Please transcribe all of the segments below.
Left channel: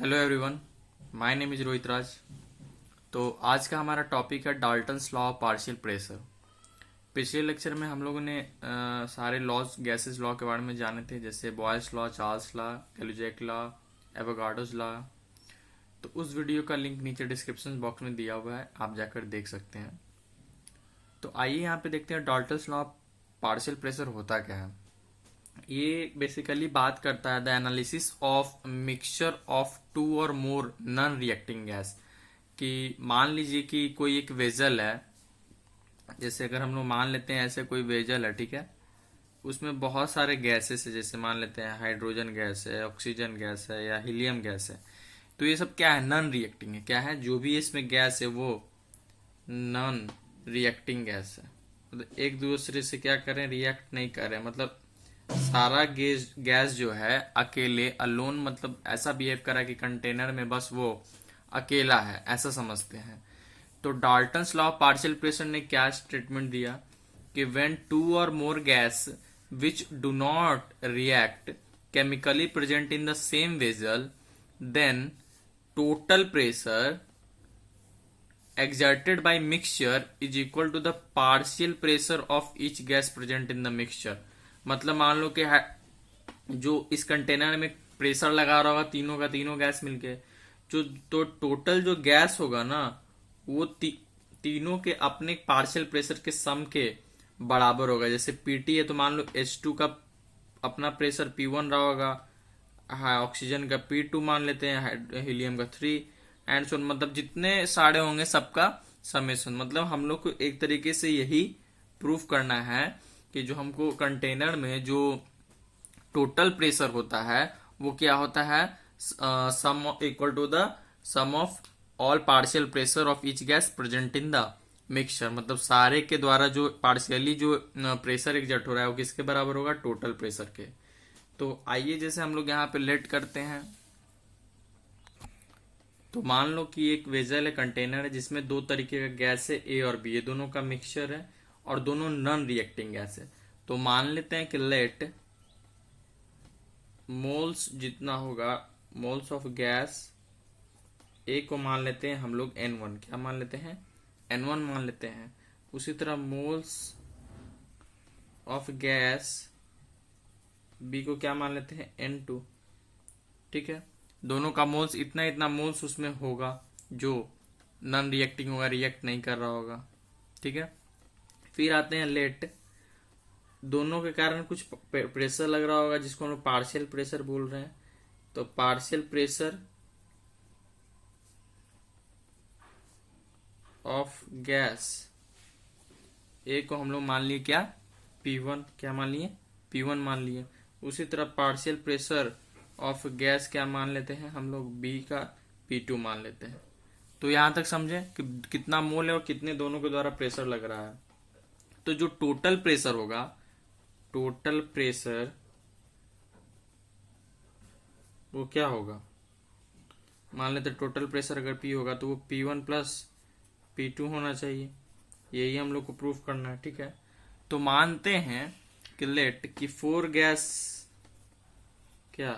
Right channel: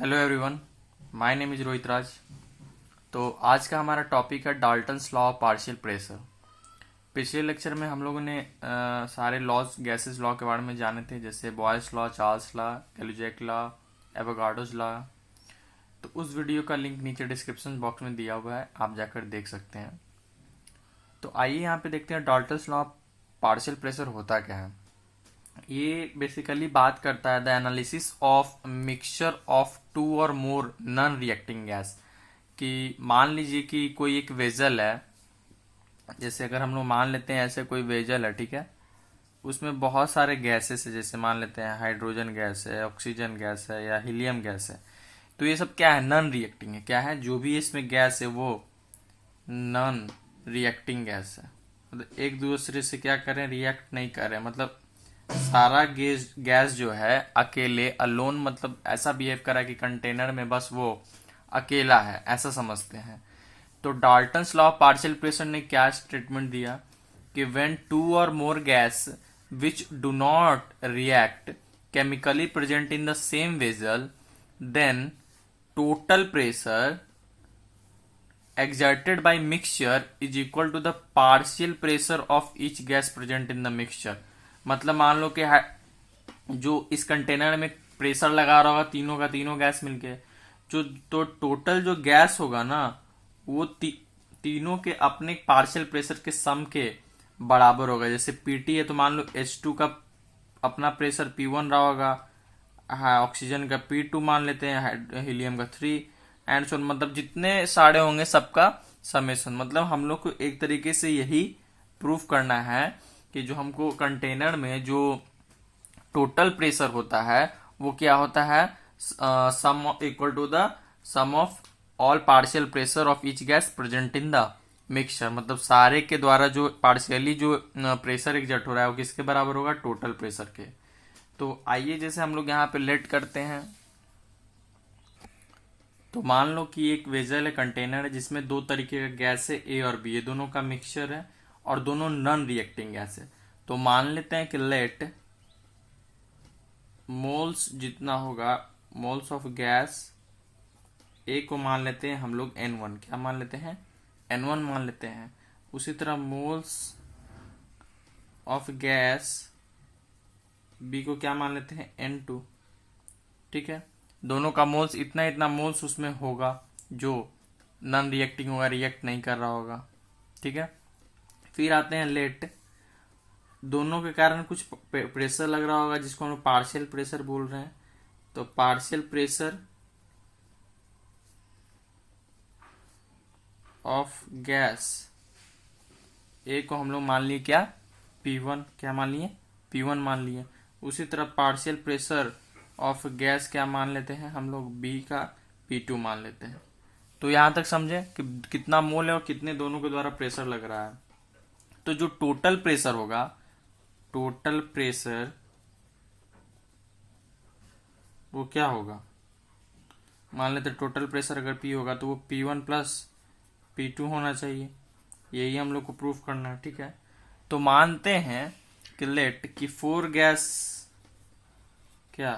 Hello everyone, my name is Rohit Raj. तो आज का हमारा टॉपिक है Dalton's law of partial pressure. पिछले लेक्चर में हम लोगों ने सारे लॉज गैसेस लॉ के बारे में जाने थे, जैसे Boyle's law, Charles law, Gay Lussac law, Avogadro's law. तो उस वीडियो का लिंक नीचे डिस्क्रिप्शन बॉक्स में दिया हुआ है, आप जाकर देख सकते हैं। तो आइए यहाँ पे देखते हैं Dalton's law of partial pressure होता क्या है। ये बेसिकली बात करता है the analysis of mixture of two or more non reacting gas. कि मान लीजिए कि कोई एक वेजल है, जैसे अगर हम लोग मान लेते हैं ऐसे कोई वेजल है, ठीक है, उसमें बहुत सारे गैसेस है, जैसे मान लेते हैं हाइड्रोजन गैस है, ऑक्सीजन गैस है या हीलियम गैस है। तो ये सब क्या है? नॉन रिएक्टिंग है। क्या है? जो भी इसमें गैस है वो नॉन रिएक्टिंग गैस है। मतलब एक दूसरे से क्या करें? रिएक्ट नहीं कर रहे। मतलब सारा गैस जो है अकेले अलोन, मतलब ऐसा बिहेव करा कि कंटेनर में बस वो अकेला है, ऐसा समझते हैं। तो Dalton's law of partial pressure ने क्या स्टेटमेंट दिया कि when two or more gas which do not react chemically present in the same vessel, then total pressure exerted by mixture is equal to the partial pressure of each gas present in the mixture। मतलब मान लो कि जो इस container में pressure लगा रहा होगा तीनों का तीनों गैस मिलके, जो तो टोटल जो गैस होगा ना वो तीनों के अपने पार्शियल प्रेशर के सम के बराबर होगा। जैसे पीटी है तो मान लो H2 का अपना प्रेशर P1 रहा होगा, हाँ, ऑक्सीजन का P2 मान लेते हैं, हीलियम का 3 एंड सो, मतलब जितने सारे होंगे सबका समेशन। मतलब हम लोग को एक तरीके से यही प्रूफ करना है कि जो हमको कंटेनर में जो टोटल प्रेशर होता है वो क्या होता है? Sum equal to the sum of all partial pressure of each gas present in the mixture. मतलब सारे के द्वारा जो पार्शियली जो प्रेशर एग्जर्ट हो रहा है वो किसके बराबर होगा? टोटल प्रेशर के। तो आइए जैसे हम लोग यहाँ पे लेट करते हैं। तो मान लो कि एक वेजल है, कंटेनर है, जिसमें दो तरीके का गैस है, ए और बी, ये दोनों का मिक्सचर है और दोनों नॉन रिएक्टिंग गैस है। तो मान लेते हैं कि लेट मोल्स जितना होगा, मोल्स ऑफ गैस ए को मान लेते हैं हम लोग N1। क्या मान लेते हैं? N1 मान लेते हैं। उसी तरह मोल्स ऑफ गैस बी को क्या मान लेते हैं? N2। ठीक है, दोनों का मोल्स इतना इतना मोल्स उसमें होगा जो नॉन रिएक्टिंग होगा, रिएक्ट नहीं कर रहा होगा। ठीक है, फिर आते हैं लेट। दोनों के कारण कुछ प्रेशर लग रहा होगा जिसको हम लोग पार्शियल प्रेशर बोल रहे हैं। तो पार्शियल प्रेशर ऑफ गैस ए को हम लोग मान लिए क्या? P1। क्या मान लिए? P1 मान लिए। उसी तरह पार्शियल प्रेशर ऑफ गैस क्या मान लेते हैं हम लोग? बी का P2 मान लेते हैं। तो यहां तक समझे कि कितना मोल है और कितने दोनों के द्वारा प्रेशर लग रहा है। तो जो टोटल प्रेशर होगा, टोटल प्रेशर वो क्या होगा? मान लेते टोटल प्रेशर अगर P होगा तो वो P1 प्लस P2 होना चाहिए। यही हम लोग को प्रूफ करना है। ठीक है, तो मानते हैं कि लेट कि फोर गैस क्या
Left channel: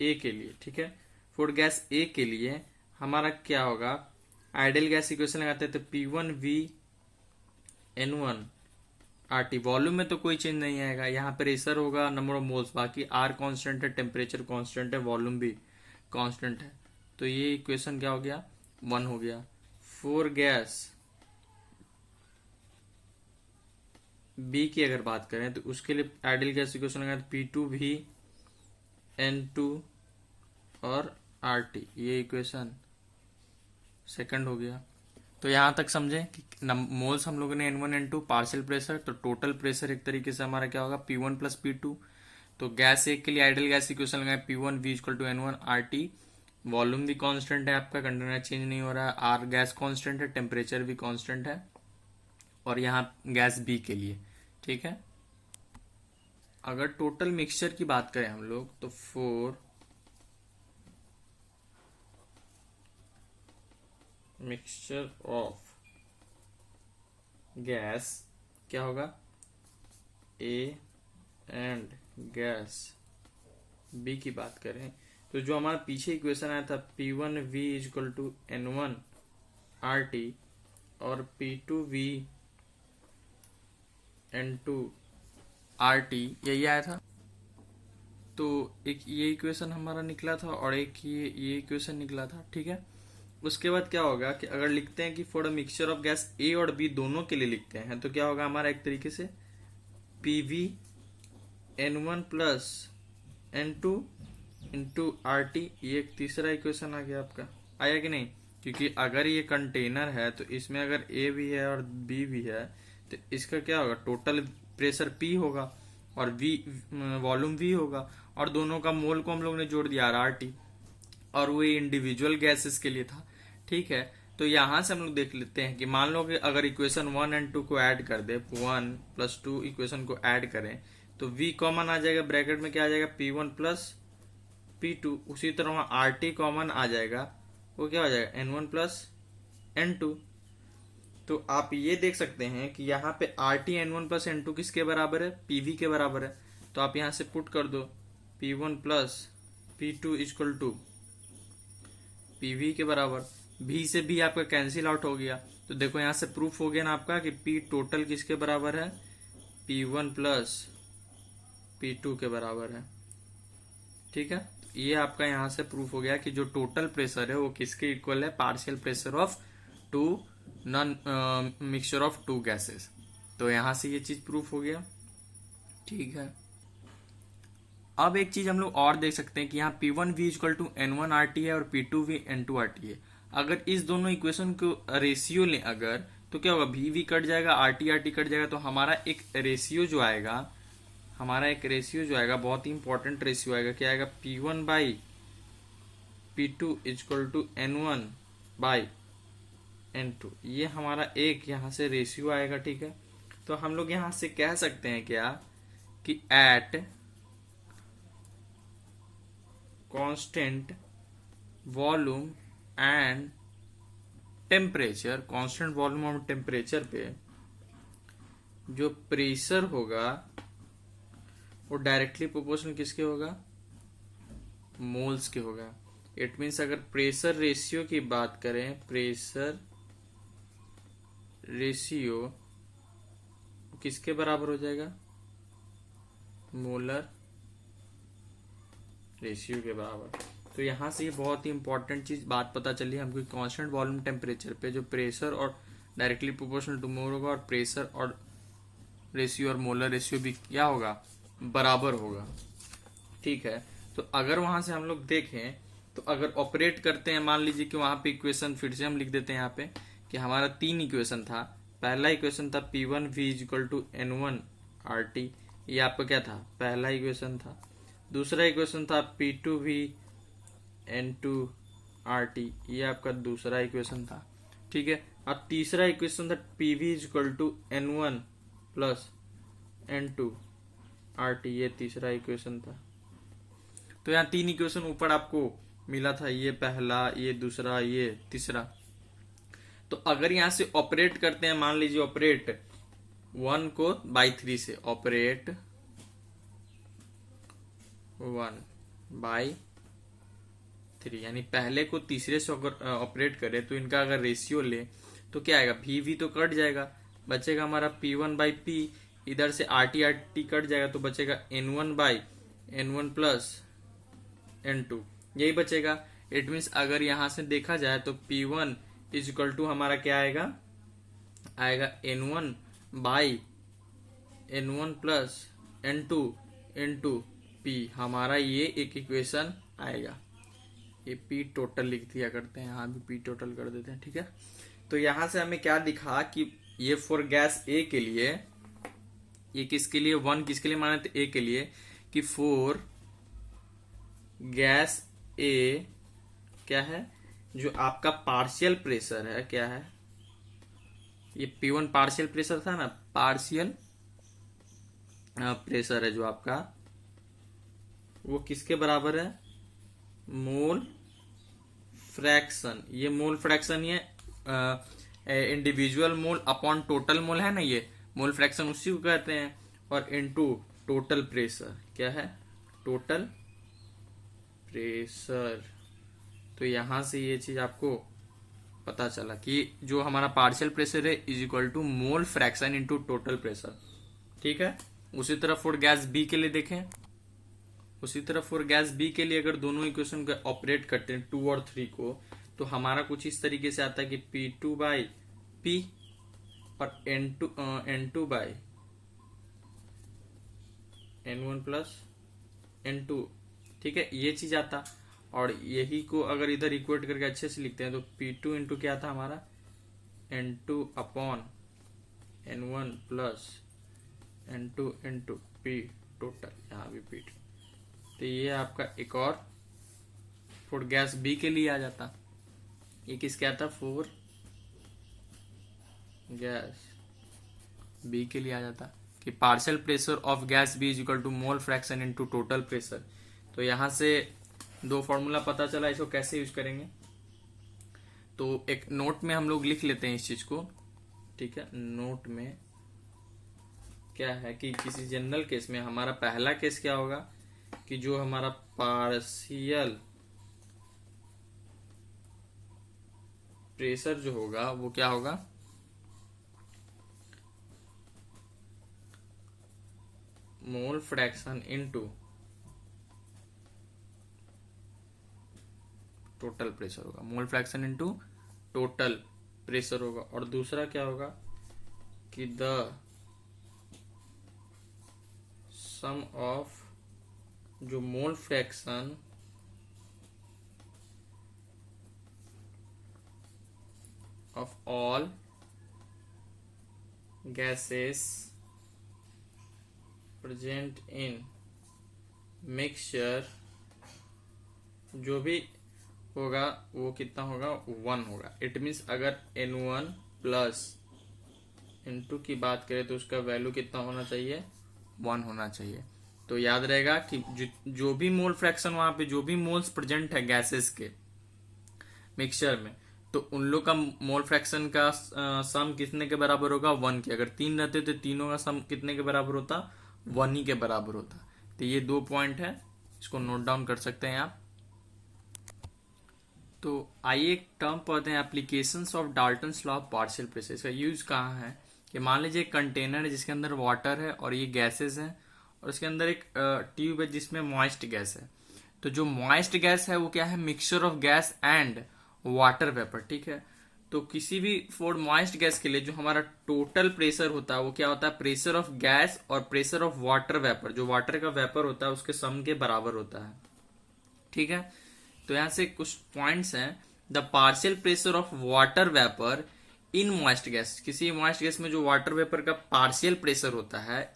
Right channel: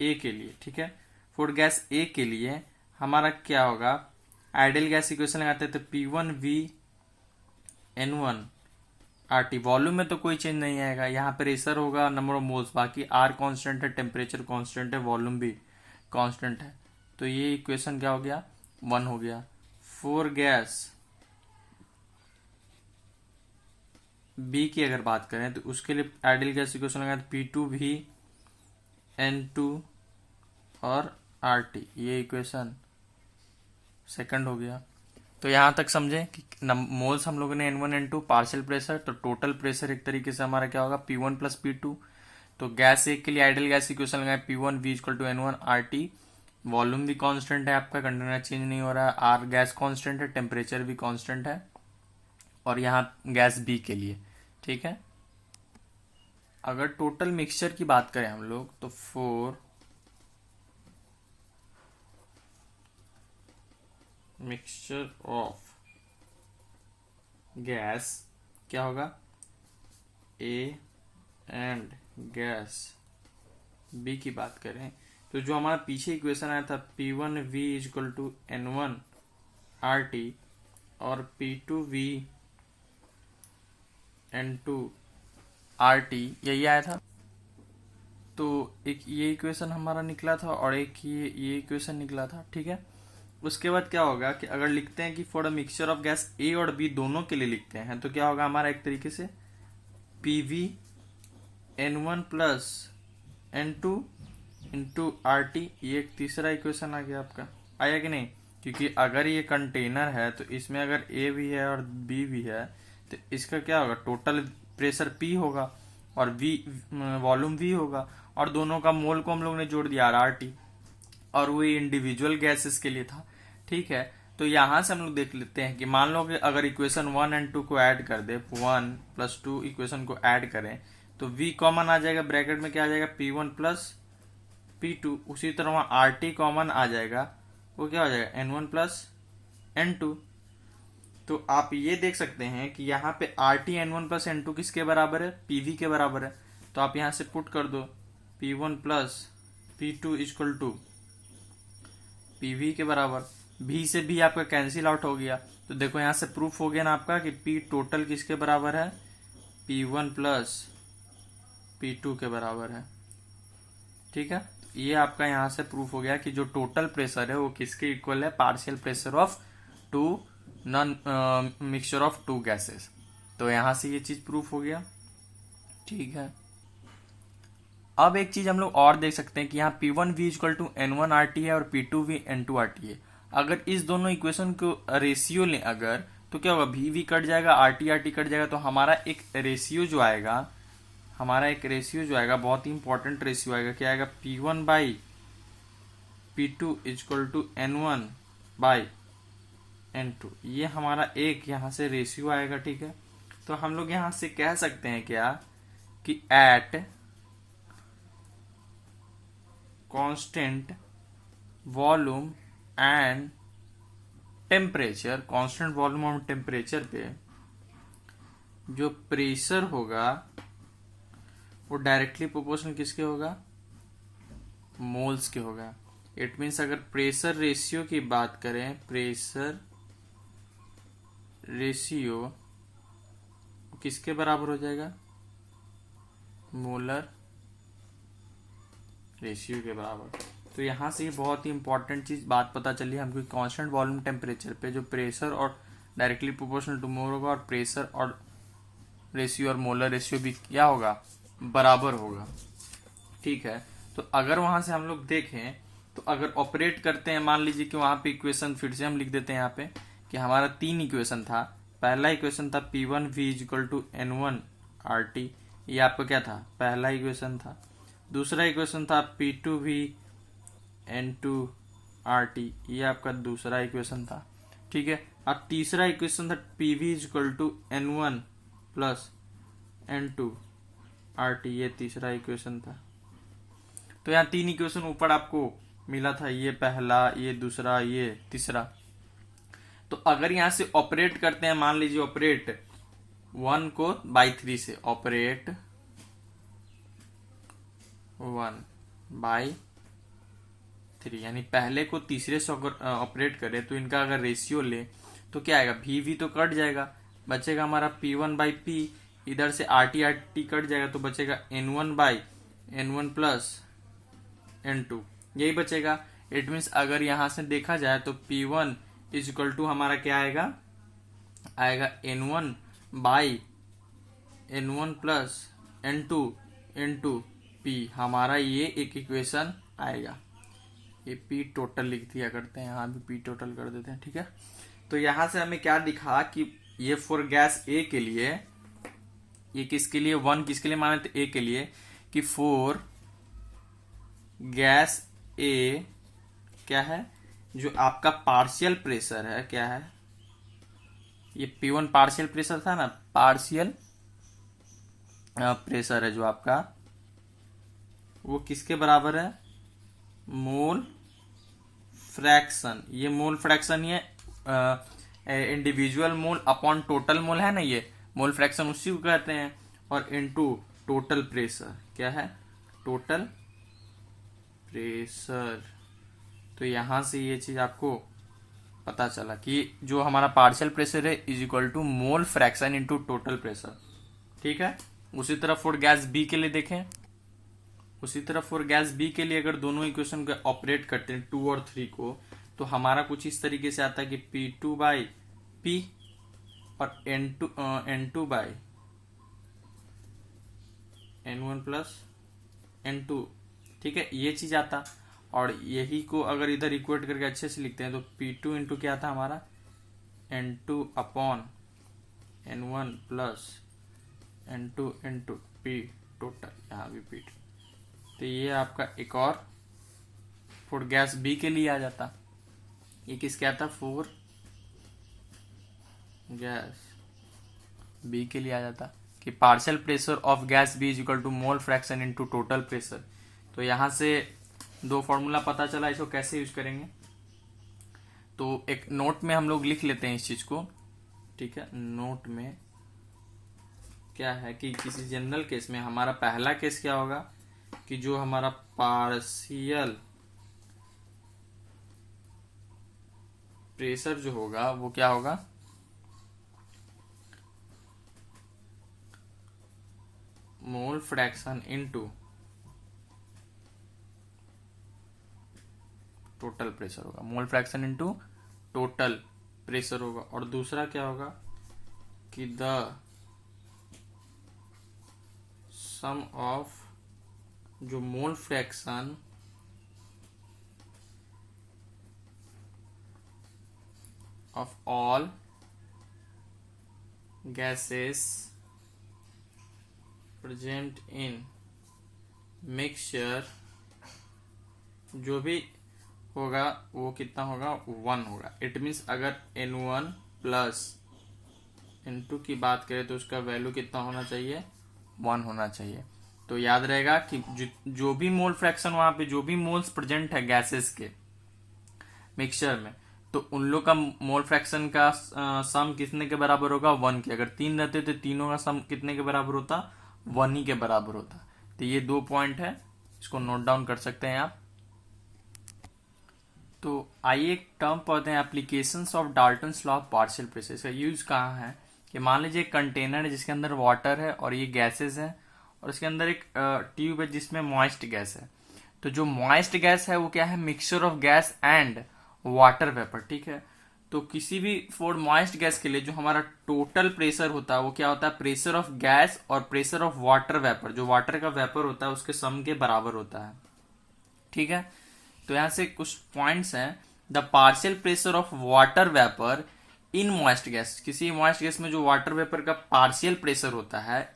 ए के लिए, ठीक है, फोर गैस ए के लिए हमारा क्या होगा? आइडियल गैस इक्वेशन लगाते हैं तो P1V N1 RT। वॉल्यूम में तो कोई चेंज नहीं आएगा, यहाँ पे प्रेशर होगा, नंबर ऑफ मोल्स, बाकी R कांस्टेंट है, टेम्परेचर कांस्टेंट है, वॉल्यूम भी कांस्टेंट है। तो ये इक्वेशन क्या हो गया? 1 हो गया। फोर गैस बी की अगर बात करें तो उसके लिए आइडियल गैस इक्वेशन लगा P2V N2 और RT। ये इक्वेशन सेकंड हो गया। तो यहां तक समझे कि मोल्स हम लोगों ने N1 N2, पार्शियल प्रेशर, तो टोटल प्रेशर एक तरीके से हमारा क्या होगा? P1 plus P2। तो गैस एक के लिए आइडियल गैस इक्वेशन लगाए P1V equal to N1 RT। Volume भी कांस्टेंट है आपका, कंटेनर चेंज नहीं हो रहा है, आर गैस कांस्टेंट है, टेम्परेचर भी कांस्टेंट है, और यहाँ गैस बी के लिए। ठीक है, अगर टोटल मिक्सचर की बात करें हम लोग तो फोर मिक्सचर ऑफ गैस क्या होगा? ए एंड गैस बी की बात करें तो जो हमारा पीछे इक्वेशन आया था P1V equal to N1 RT और P2V N2 RT यही आया था। तो एक ये इक्वेशन हमारा निकला था और एक ये इक्वेशन निकला था, ठीक है। उसके बाद क्या होगा कि अगर लिखते हैं कि for a mixture of gas A और बी दोनों के लिए लिखते हैं तो क्या होगा हमारा एक तरीके से PV N1 plus N2 into RT, ये एक तीसरा इक्वेशन आ गया आपका, आया कि नहीं? क्योंकि अगर ये कंटेनर है तो इसमें अगर A भी है और B भी है तो इसका क्या होगा, टोटल प्रेशर P होगा और V वॉल्यूम V होगा, और दोनों का मोल को हम लोग ने जोड़ दिया RT, और वो इंडिविजुअल गैसेस के लिए था, ठीक है। तो यहां से हम लोग देख लेते हैं कि मान लो कि अगर इक्वेशन 1 एंड 2 को ऐड कर दे, 1 प्लस 2 इक्वेशन को ऐड करें तो V कॉमन आ जाएगा, ब्रैकेट में क्या आ जाएगा P1 प्लस P2, उसी तरह वहां RT कॉमन आ जाएगा, वो क्या हो जाएगा N1 प्लस N2। तो आप ये देख सकते हैं कि यहाँ पे RT N1 प्लस N2 किसके बराबर है, PV के बराबर है। तो आप यहां से पुट कर दो P1 plus P2 equal to PV के बराबर, V से भी आपका कैंसिल आउट हो गया। तो देखो यहां से प्रूफ हो गया ना आपका कि P टोटल किसके बराबर है, P1 प्लस P2 के बराबर है, ठीक है। ये आपका यहां से प्रूफ हो गया कि जो टोटल प्रेशर है वो किसके इक्वल है, partial pressure of two non mixture of two gases. तो यहां से ये चीज प्रूफ हो गया, ठीक है। अब एक चीज हम लोग और देख सकते हैं कि यहाँ P1V equal to N1 RT है और P2V N2 RT है। अगर इस दोनों इक्वेशन को रेशियो लें अगर, तो क्या होगा, VV कट जाएगा, RT कट जाएगा, तो हमारा एक रेशियो जो आएगा, बहुत ही इंपॉर्टेंट रेशियो आएगा, क्या आएगा, P1 by P2 equal to N1 by N2। ये हमारा एक यहाँ से रेशियो आएगा, ठीक है। तो हम लोग यहां से कह सकते हैं क्या कि at constant volume and temperature, constant volume और टेम्परेचर पे जो प्रेशर होगा वो डायरेक्टली प्रोपोर्शनल किसके होगा, मोल्स के होगा। इट मीन्स अगर प्रेशर रेशियो की बात करें, प्रेशर रेशियो किसके बराबर हो जाएगा, मोलर रेशियो के बराबर। तो यहां से बहुत ही इंपॉर्टेंट चीज बात पता चली हमको, कांस्टेंट वॉल्यूम टेम्परेचर पे जो प्रेशर और डायरेक्टली प्रोपोर्शनल टू मोल होगा, और प्रेशर और रेशियो और मोलर रेशियो भी क्या होगा, बराबर होगा, ठीक है। तो अगर वहां से हम लोग देखें तो अगर ऑपरेट करते हैं, मान लीजिए कि वहां पे इक्वेशन फिर से हम लिख देते हैं यहाँ पे कि हमारा 3 इक्वेशन था। पहला इक्वेशन था P1V equal to N1 RT, ये आपका क्या था, पहला इक्वेशन था। दूसरा इक्वेशन था P2V N2 RT, ये आपका दूसरा इक्वेशन था, ठीक है। अब तीसरा इक्वेशन था PV equal to N1 plus N2 RT, ये तीसरा इक्वेशन था। तो यहाँ 3 इक्वेशन ऊपर आपको मिला था, ये पहला, ये दूसरा, ये तीसरा। तो अगर यहां से ऑपरेट करते हैं, मान लीजिए ऑपरेट 1 को बाई 3 से, ऑपरेट 1 बाई 3, यानी पहले को तीसरे से ऑपरेट करे तो इनका अगर रेशियो ले तो क्या आएगा, VV तो कट जाएगा, बचेगा हमारा P1 बाई P, इधर से RT कट जाएगा तो बचेगा N1 by N1 plus N2, यही बचेगा। इट मीन्स अगर यहां से देखा जाए तो P1 इज इक्वल टू हमारा क्या आएगा, N1 by N1 plus N2 into P, हमारा ये एक इक्वेशन आएगा। ये P टोटल लिख दिया करते हैं, यहाँ भी P टोटल कर देते हैं, ठीक है। तो यहां से हमें क्या दिखा कि ये फॉर गैस A के लिए, ये किसके लिए, 1 किसके लिए माने, तो A के लिए, कि फॉर गैस A क्या है, जो आपका पार्शियल प्रेशर है, क्या है, ये P1 पार्शियल प्रेशर था ना, पार्शियल प्रेशर है जो आपका, वो किसके बराबर है, मोल फ्रैक्शन। ये मोल फ्रैक्शन, ये individual mole upon total mole है ना, ये मोल फ्रैक्शन उसी को कहते हैं, और इनटू टोटल प्रेशर, क्या है, टोटल प्रेशर। तो यहां से ये चीज आपको पता चला कि जो हमारा पार्शियल प्रेशर है is equal to mole fraction into total pressure. ठीक है। उसी तरह फॉर गैस बी के लिए देखें, उसी तरह फॉर गैस बी के लिए अगर दोनों इक्वेशन को ऑपरेट करते हैं 2 और 3 को, तो हमारा कुछ इस तरीके से आता है कि P2 बाई पी और N2 by N1 plus N2। ठीक है, ये चीज आता। और यही को अगर इधर इक्वेट करके अच्छे से लिखते हैं तो P2 इंटू क्या था हमारा N2 upon N1 plus N2 into P total, यहाँ भी P। तो ये आपका एक और फॉर गैस बी के लिए आ जाता। ये किस क्या था, फॉर गैस बी के लिए आ जाता कि partial pressure of gas B is equal to mole fraction into total pressure. तो यहां से दो फॉर्मूला पता चला, इसको कैसे यूज करेंगे। तो एक नोट में हम लोग लिख लेते हैं इस चीज को। ठीक है, नोट में क्या है कि किसी जनरल केस में हमारा पहला केस क्या होगा कि जो हमारा पार्शियल प्रेशर जो होगा वो क्या होगा, mole fraction into total pressure होगा, mole fraction into total pressure होगा। और दूसरा क्या होगा कि द सम ऑफ जो mole fraction of all gases present in mixture, जो भी होगा वो कितना होगा, 1 होगा। इट मीन्स अगर N1 प्लस N2 की बात करें तो उसका वैल्यू कितना होना चाहिए, 1 होना चाहिए। तो याद रहेगा कि जो भी मोल फ्रैक्शन वहां पे जो भी मोल्स प्रेजेंट है गैसेस के मिक्सचर में, तो उन लोग का मोल फ्रैक्शन का सम कितने के बराबर होगा, 1 के। अगर 3 रहते तो तीनों का सम कितने के बराबर होता, 1 ही के बराबर होता। तो ये 2 पॉइंट है, इसको नोट डाउन कर सकते हैं आप। तो आइए एक टर्म पढ़ते हैं, applications of Dalton's law of partial pressure. इसका यूज कहाँ है कि मान लीजिए एक कंटेनर है जिसके अंदर वाटर है और ये गैसेस है, और उसके अंदर एक ट्यूब है जिसमें मॉइस्ट गैस है। तो जो मॉइस्ट गैस है वो क्या है, mixture of gas and water vapour. ठीक है, तो किसी भी फॉर मॉइस्ट गैस के लिए जो हमारा टोटल प्रेशर होता है वो क्या होता है, प्रेशर ऑफ गैस और प्रेशर ऑफ वाटर वेपर, जो वाटर का वेपर होता है उसके सम के बराबर होता है। ठीक है, तो यहां से कुछ पॉइंट्स हैं। The partial pressure of water vapour in moist gas, किसी मॉइस्ट गैस में जो वाटर वेपर का पार्शियल प्रेशर होता है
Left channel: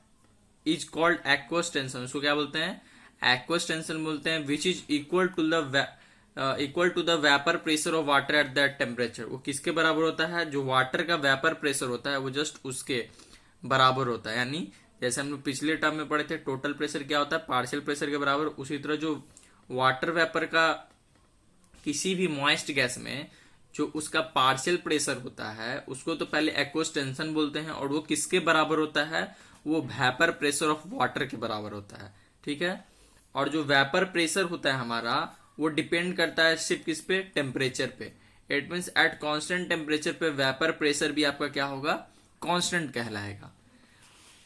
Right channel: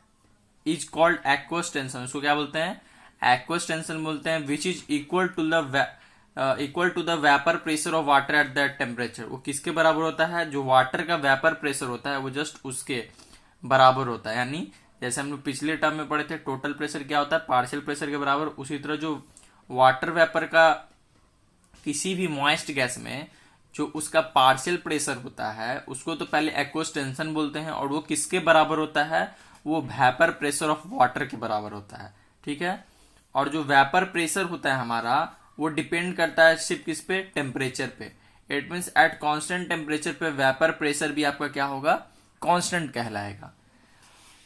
इज कॉल्ड एक्वस टेंशन। उसको क्या बोलते हैं, एक्वस टेंशन बोलते हैं। Which is equal to the vapour pressure of water at that temperature. वो किसके बराबर होता है, जो वाटर का वेपर प्रेशर होता है वो जस्ट उसके बराबर होता है। यानी जैसे हम लोग पिछले टर्म में पढ़े थे टोटल प्रेशर क्या होता है, पार्शियल प्रेशर के बराबर, उसी तरह जो वाटर वेपर का किसी भी मॉइस्ट गैस में जो उसका पार्शियल प्रेशर होता है उसको तो पहले एक्वस टेंशन बोलते हैं, और वो किसके बराबर होता है, वो वेपर प्रेशर ऑफ वाटर के बराबर होता है। ठीक है, और जो वेपर प्रेशर होता है हमारा वो डिपेंड करता है सिर्फ किस पे, टेम्परेचर पे। It means at constant temperature पे वेपर प्रेशर भी आपका क्या होगा, कांस्टेंट कहलाएगा।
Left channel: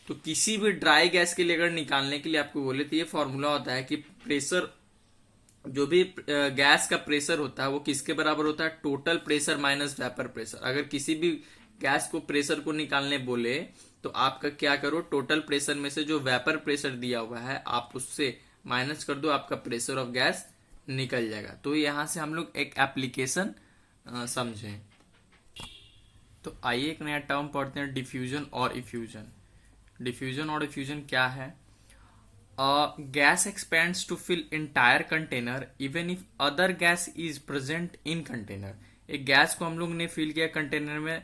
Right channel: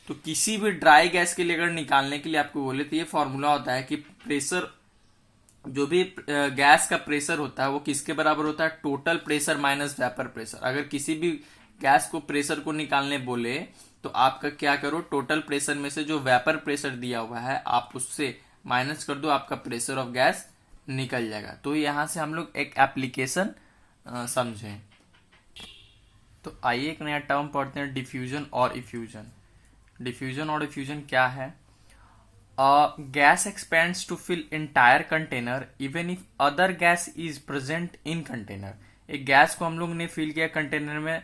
तो किसी भी ड्राई गैस के लिए अगर निकालने के लिए आपको बोले तो ये फॉर्मूला होता है कि प्रेशर, जो भी गैस का प्रेशर होता है वो किसके बराबर होता है, total pressure minus vapour pressure. अगर किसी भी गैस को प्रेशर को निकालने बोले तो आपका क्या करो, टोटल प्रेशर में से जो वेपर प्रेशर दिया हुआ है आप उससे माइनस कर दो, आपका प्रेशर ऑफ गैस निकल जाएगा। तो यहां से हम लोग एक एप्लीकेशन समझें। तो आइए एक नया टर्म पढ़ते हैं, डिफ्यूजन और इफ्यूजन। डिफ्यूजन और इफ्यूजन क्या है, gas expands to fill entire container even if other gas is present in container। एक गैस को हम लोग ने फिल किया कंटेनर में,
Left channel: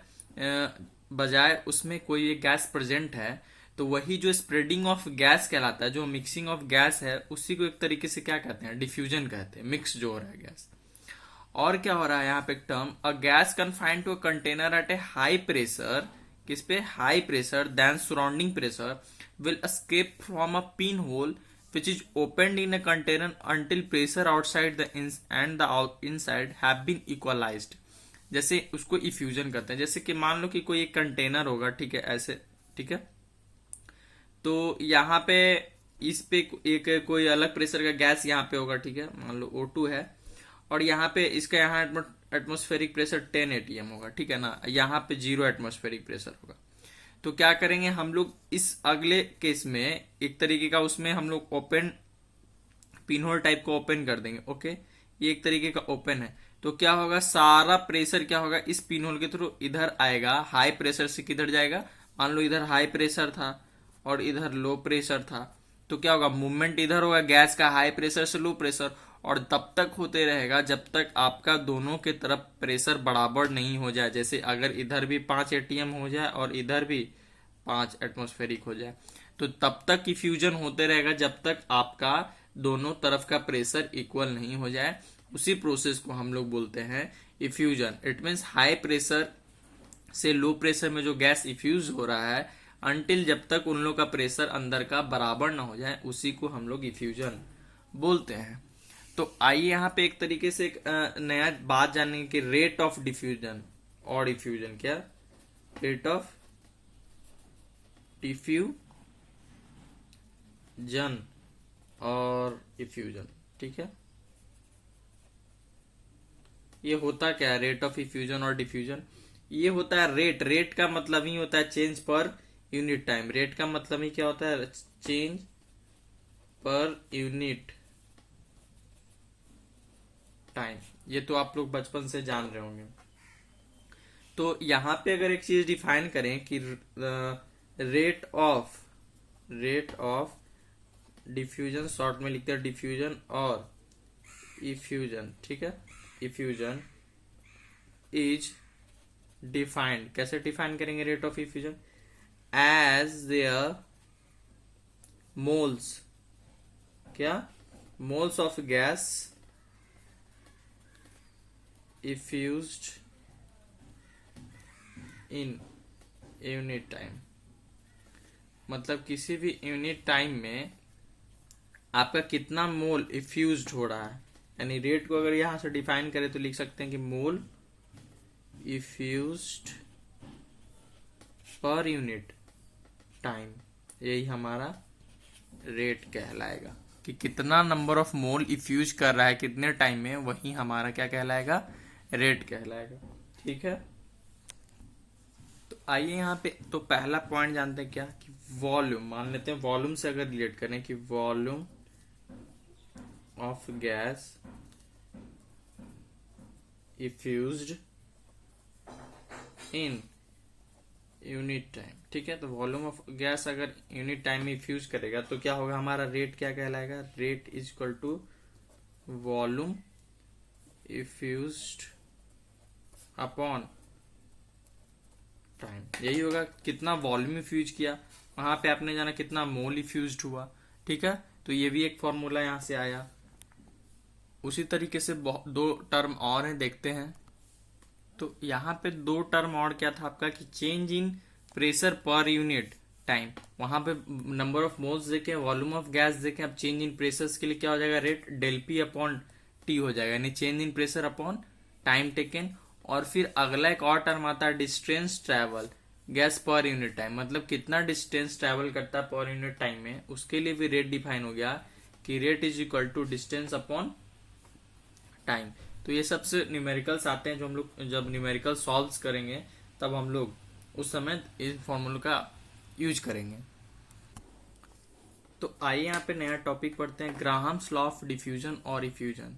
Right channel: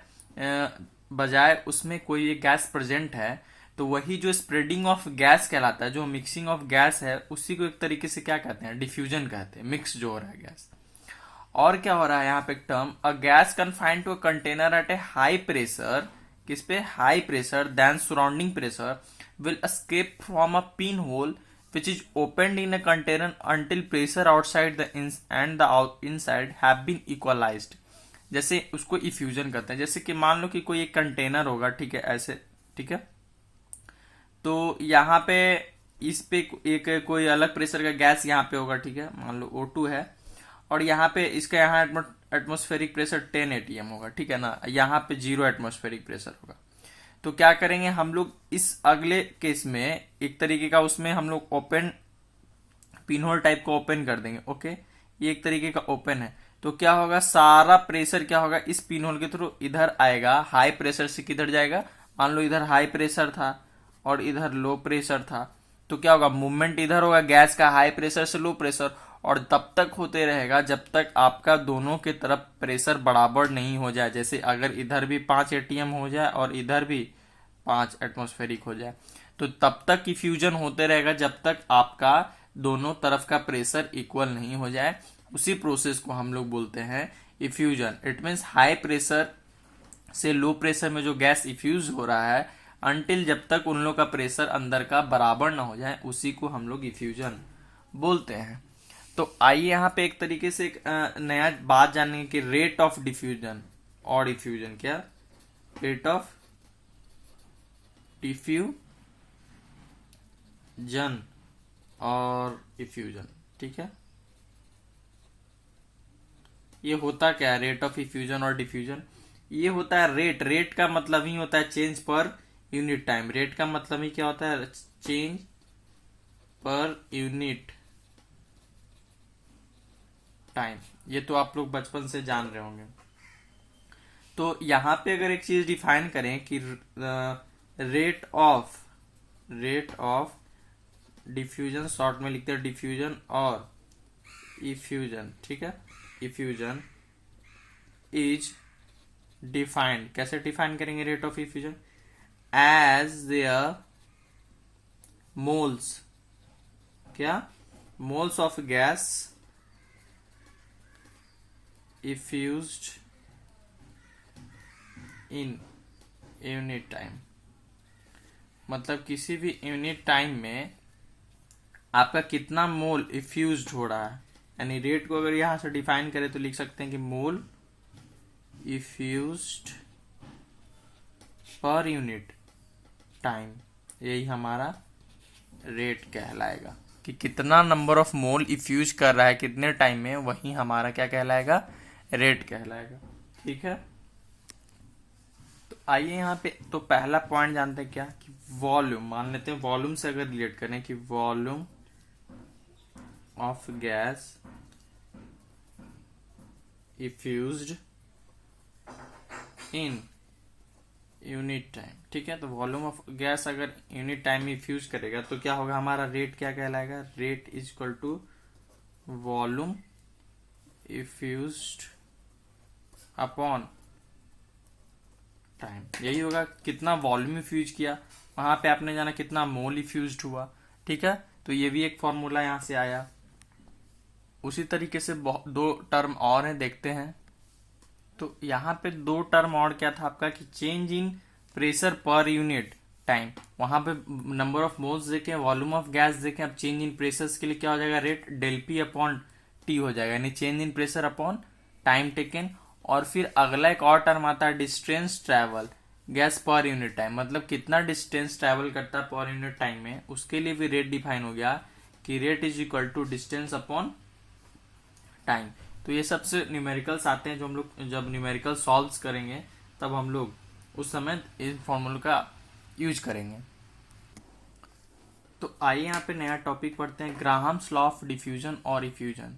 बजाय उसमें कोई एक गैस प्रेजेंट है, तो वही जो स्प्रेडिंग ऑफ गैस कहलाता है, जो मिक्सिंग ऑफ गैस है उसी को एक तरीके से क्या कहते हैं, डिफ्यूजन कहते हैं, मिक्स जो हो रहा है गैस। और क्या हो रहा है यहाँ पे एक term, a gas confined to a container at a high pressure, किस पे, high pressure than surrounding pressure, will escape from a pinhole which is opened in a container until pressure outside the and the inside have been equalized। जैसे उसको effusion करते हैं, जैसे कि मान लो कि कोई एक कंटेनर होगा, ठीक है, ऐसे, ठीक है, तो यहाँ पे इस पे एक कोई अलग प्रेशर का गैस यहाँ पे होगा, ठीक है, मान लो O2 है, और यहाँ पे इसका यहाँ एटमॉस्फेरिक प्रेशर 10 atm होगा, ठीक है ना, यहाँ पे 0 एटमॉस्फेरिक प्रेशर होगा। तो क्या करेंगे हम लोग इस अगले केस में एक तरीके का उसमें हम लोग ओपन पिनहोल टाइप को ओपन कर देंगे। ओके, ये एक तरीके का ओपन है, तो क्या होगा, सारा प्रेशर क्या होगा इस पिनहोल के थ्रू इधर आएगा, हाई प्रेशर से किधर जाएगा, मान लो इधर हाई प्रेशर था और इधर लो प्रेशर था, तो क्या होगा, मूवमेंट इधर होगा गैस का हाई प्रेशर से लो प्रेशर, और तब तक होते रहेगा जब तक आपका दोनों के तरफ प्रेशर बराबर नहीं हो जाए। जैसे अगर इधर भी 5 atm हो जाए और इधर भी 5 एटमॉस्फेरिक हो जाए, तो तब तक इफ्यूजन होते रहेगा जब तक आपका दोनों तरफ का प्रेशर इक्वल नहीं हो जाए। उसी प्रोसेस को हम लोग बोलते हैं effusion. It means high pressure से लो प्रेशर में जो गैस इफ्यूज हो रहा है, अनटिल जब तक उन लोग का प्रेशर अंदर का बराबर ना हो जाए, उसी को हम लोग इफ्यूजन बोलते हैं। तो आइए यहाँ पे एक तरीके से एक नया बात जानने की, रेट ऑफ डिफ्यूजन और इफ्यूजन, क्या रेट ऑफ डिफ्यूजन और इफ्यूजन, ठीक है, ये होता क्या है रेट ऑफ इफ्यूजन और डिफ्यूजन? ये होता है रेट, रेट का मतलब ही होता है चेंज पर यूनिट टाइम। रेट का मतलब ही क्या होता है, चेंज पर यूनिट टाइम। ये तो आप लोग बचपन से जान रहे होंगे। तो यहां पे अगर एक चीज डिफाइन करें कि रेट ऑफ डिफ्यूजन, शॉर्ट में लिखते हैं डिफ्यूजन और इफ्यूजन, ठीक है, इफ्यूजन इज डिफाइंड, कैसे डिफाइन करेंगे rate of effusion, as their moles, क्या, moles of gas effused in unit time. मतलब किसी भी यूनिट टाइम में आपका कितना मोल इफ्यूज्ड हो रहा है, यानी रेट को अगर यहां से डिफाइन करें तो लिख सकते हैं कि मोल इफ्यूज्ड पर यूनिट टाइम, यही हमारा रेट कहलाएगा कि कितना नंबर ऑफ मोल इफ्यूज कर रहा है कितने टाइम में, वही हमारा क्या कहलाएगा, रेट कहलाएगा, ठीक है। तो आइए यहाँ पे तो पहला पॉइंट जानते हैं क्या, कि वॉल्यूम, मान लेते हैं वॉल्यूम से अगर रिलेट करें कि volume of gas effused in unit time, ठीक है। तो वॉल्यूम ऑफ गैस अगर यूनिट टाइम में इफ्यूज करेगा तो क्या होगा, हमारा रेट क्या कहलाएगा, rate is equal to volume effused upon time. यही होगा, कितना वॉल्यूम इफ्यूज किया, वहां पे आपने जाना कितना मोल इफ्यूज्ड हुआ, ठीक है। तो ये भी एक फॉर्मूला यहां से आया। उसी तरीके से दो टर्म और हैं, देखते हैं। तो यहाँ पे दो टर्म और क्या था आपका, कि चेंज इन प्रेशर पर यूनिट टाइम, वहां पे नंबर ऑफ मोल्स देखें, वॉल्यूम ऑफ गैस देखें, अब चेंज इन प्रेशर के लिए क्या हो जाएगा, rate del P upon T हो जाएगा, यानी change in pressure upon time taken. और फिर अगला एक और टर्म आता है distance travel gas per unit time, मतलब कितना डिस्टेंस ट्रेवल करता है पर यूनिट टाइम में, उसके लिए भी रेट डिफाइन हो गया कि rate is equal to distance upon time. तो ये सबसे न्यूमेरिकल्स आते हैं, जो हम लोग जब न्यूमेरिकल सॉल्व करेंगे तब हम लोग उस समय इन फॉर्मूला का यूज करेंगे। तो आइए यहाँ पे नया टॉपिक पढ़ते हैं, ग्राहम्स लॉ ऑफ डिफ्यूजन और इफ्यूजन।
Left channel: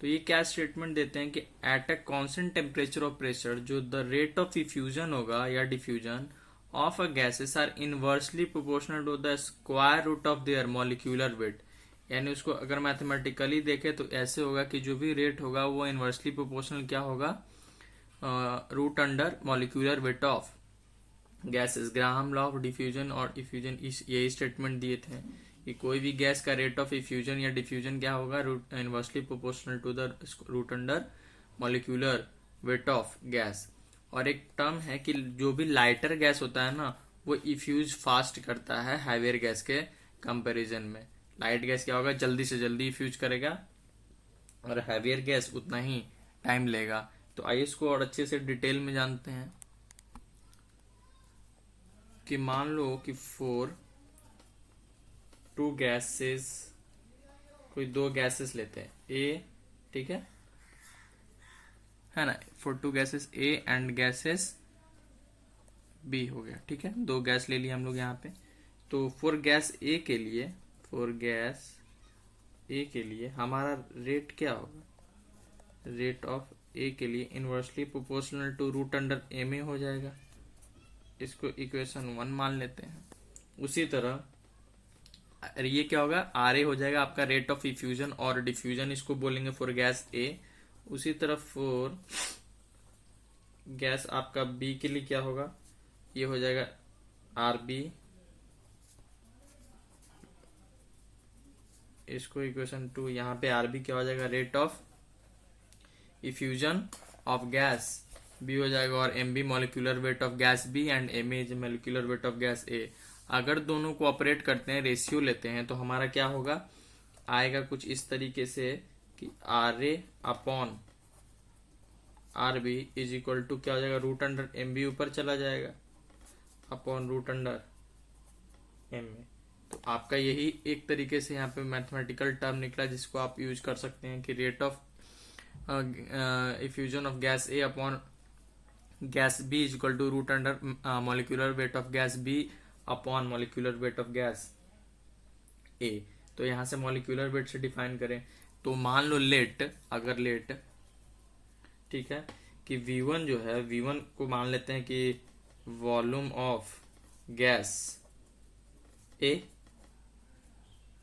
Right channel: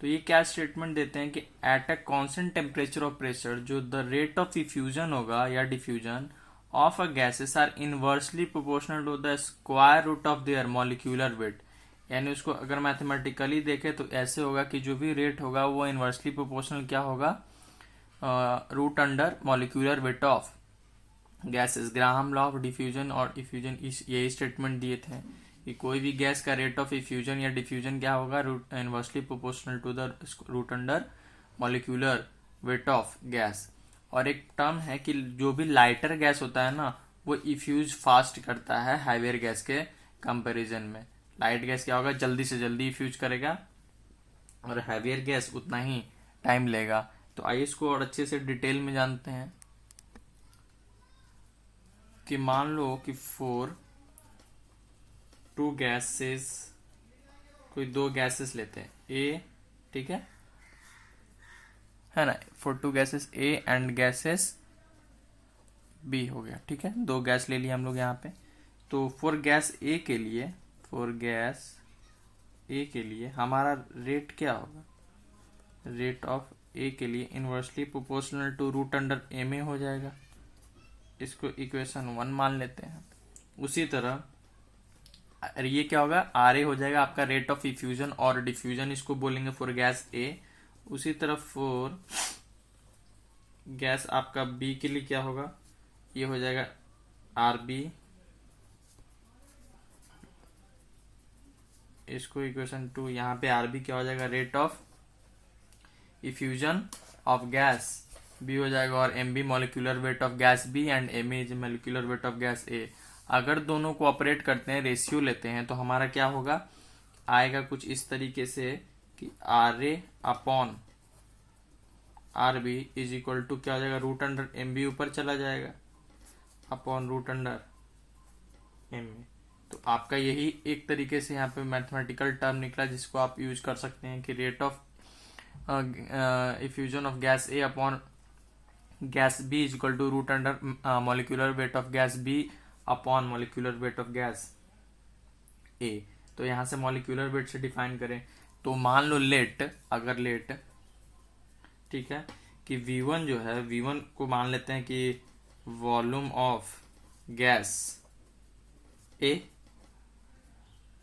तो ये क्या स्टेटमेंट देते हैं कि at a constant temperature of pressure, जो द रेट ऑफ इफ्यूजन होगा या diffusion of a gases are inversely proportional to the square root of their molecular weight. यानी उसको अगर मैथमेटिकली देखें तो ऐसे होगा कि जो भी रेट होगा वो इनवर्सली प्रोपोर्शनल क्या होगा, root under molecular weight of gases. Graham law of diffusion और इफ्यूजन यही स्टेटमेंट दिए थे कि कोई भी गैस का रेट ऑफ इफ्यूजन या डिफ्यूजन क्या होगा, inversely proportional to the root under molecular weight of gas. और एक टर्म है कि जो भी लाइटर गैस होता है ना, वो इफ्यूज फास्ट करता है हाईवेयर गैस के कंपैरिजन में। लाइट गैस क्या होगा, जल्दी से जल्दी इफ्यूज करेगा, और हैवियर गैस उतना ही टाइम लेगा। तो आइए इसको और अच्छे से डिटेल में जानते हैं कि मान लो कि फॉर टू गैसेस, कोई दो गैसेस लेते हैं ए, ठीक है ना, for two gases A and gases B हो गया, ठीक है, दो गैस ले लिए हम लोग यहाँ पे। तो फॉर गैस ए के लिए, फॉर गैस ए के लिए हमारा रेट क्या होगा, रेट ऑफ ए के लिए inversely proportional to root under A में हो जाएगा। इसको इक्वेशन 1 मान लेते हैं। उसी तरह ये क्या होगा, आर ए हो जाएगा आपका रेट ऑफ इफ्यूजन और डिफ्यूजन, इसको बोलेंगे फॉर गैस ए। उसी तरह फॉर गैस आपका बी के लिए क्या होगा, ये हो जाएगा आर बी, इसको इक्वेशन 2, यहाँ पे आर बी क्या हो जाएगा, rate of effusion of gas B हो जाएगा, और M B molecular weight of gas B and M is molecular weight of gas A. अगर दोनों को ऑपरेट करते हैं, रेशियो लेते हैं, तो हमारा क्या होगा, आएगा कुछ इस तरीके से कि R A upon R B is equal to क्या हो जाएगा, रूट अंडर एम बी ऊपर चला जाएगा upon root under M A. तो आपका यही एक तरीके से यहाँ पे मैथमेटिकल टर्म निकला जिसको आप यूज कर सकते हैं कि rate of effusion of gas A upon gas B is equal to root under molecular weight of gas B upon molecular weight of gas A. तो यहां से मॉलिक्यूलर वेट से डिफाइन करें तो मान लो लेट, अगर लेट, ठीक है, कि V1 जो है, V1 को मान लेते हैं कि volume of gas A,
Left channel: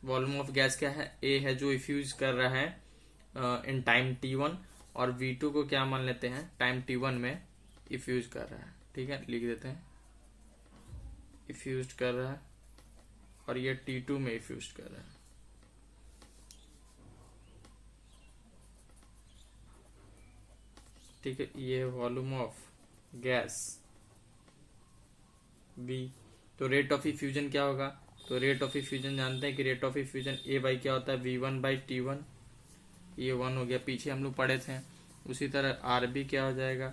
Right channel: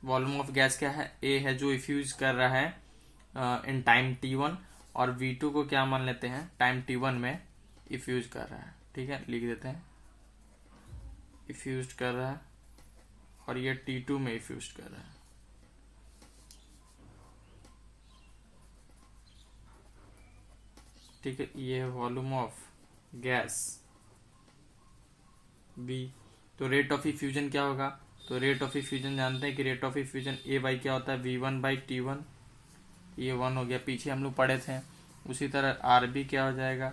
volume of gas क्या है, ए है, जो इफ्यूज कर रहा है इन टाइम T1, और V2 को क्या मान लेते हैं, टाइम T1 में इफ्यूज कर रहा है, ठीक है, लिख देते हैं इफ्यूज कर रहा है, और ये T2 में इफ्यूज कर रहा है। ठीक है, ये वॉल्यूम ऑफ गैस बी। तो रेट ऑफ इफ्यूजन क्या होगा, तो रेट ऑफ इफ्यूजन जानते हैं कि rate of effusion A by क्या होता है, V1 बाई T1, ये 1 हो गया, पीछे हम लोग पढ़े थे। उसी तरह आर बी क्या हो जाएगा,